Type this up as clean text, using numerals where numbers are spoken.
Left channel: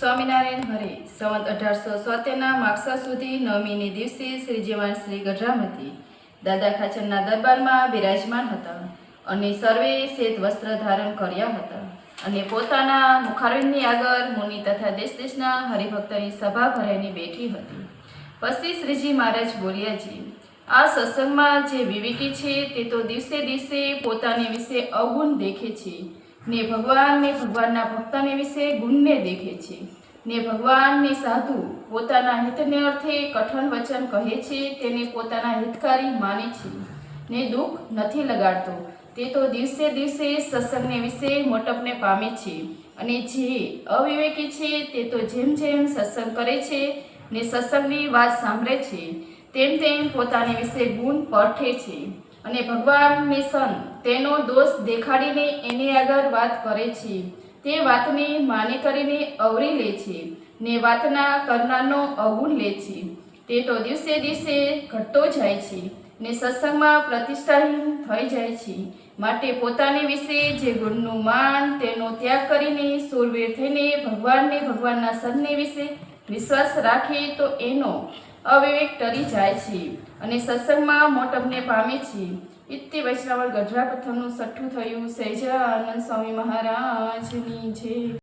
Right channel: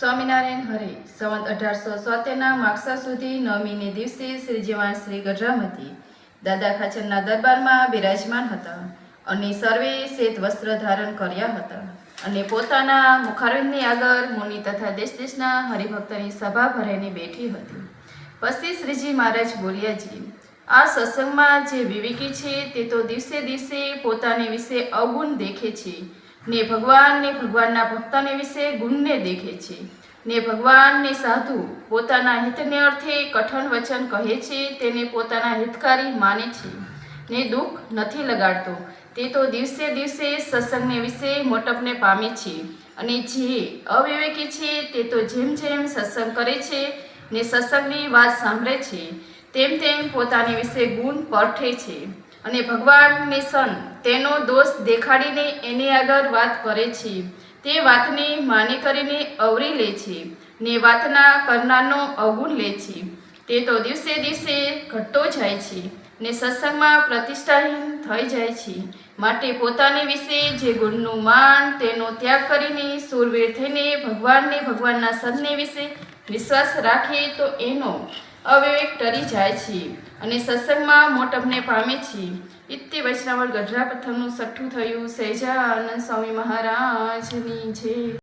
સ્વામિનારાયણ હરે સંવત 1877 માગસર સુધી નવમીને દિવસે શ્રીજીવાન શ્રી ગઢરામતી દાદા ખાચરના દરબારમાં બિરાજમાન હતા અને સર્વે શ્વેત વસ્ત્ર ધારણ કર્યા હતા અને પોતાના મુખારવિંદની આગળ મુનિ તથા દેશ દેશના હરિભક્તની સભા ભરાઈને બેઠી હતી. પછી શ્રીજી મહારાજ બોલ્યાજી, આ સત્સંગમાં જે વિવેકી છે તે તો દિવસે દિવસે પોતાને વિશે અવગુણ દેખે છે ને ભગવાનના ભક્તને વિશે ગુણને દેખે છે ને ભગવાનને સાધુ પોતાના હિતને અર્થે કઠણ વચન કહે છે તેને પોતાના હિતકારી માને છે ને દુઃખ નથી લગાડતો તે તો દિવસે દિવસે સત્સંગને વિશે મોટપને પામે છે. અને જે અવિવેકી છે તે તો જેમ જેમ સત્સંગ કરે છે ને સત્સંગની વાત સાંભળે છે તેમ તેમ પોતાની વિશે ગુણ પરઠે છે અને ભગવાનની સંત તેનો દોષ દેખાડીને એની આગળ વાત કરે છે. તે વાતને માને કરીને અવરી લે છે ને વાતના કરનારનો અવગુણ લે છે. તે તો દિવસે દિવસે ઘટતો જાય છે ને સત્સંગમાં પ્રતિષ્ઠાહીન થઈ જાય છે. માટે પોતાની વિશે જે ગુણનું માન તેનો ત્યાગ કરીને સુરવીર થઈને ભગવાનના સંતને વિશે વિશ્વાસ રાખે તો એનો અવિવેક ટરી જાય છે અને સત્સંગમાં મોટપને પામે છે. ઇત્તે વૈષ્ણવ ગઢડા પ્રથમનું 6ઠું થયું. સહેજાનંદ સ્વામી મહારાજની જય.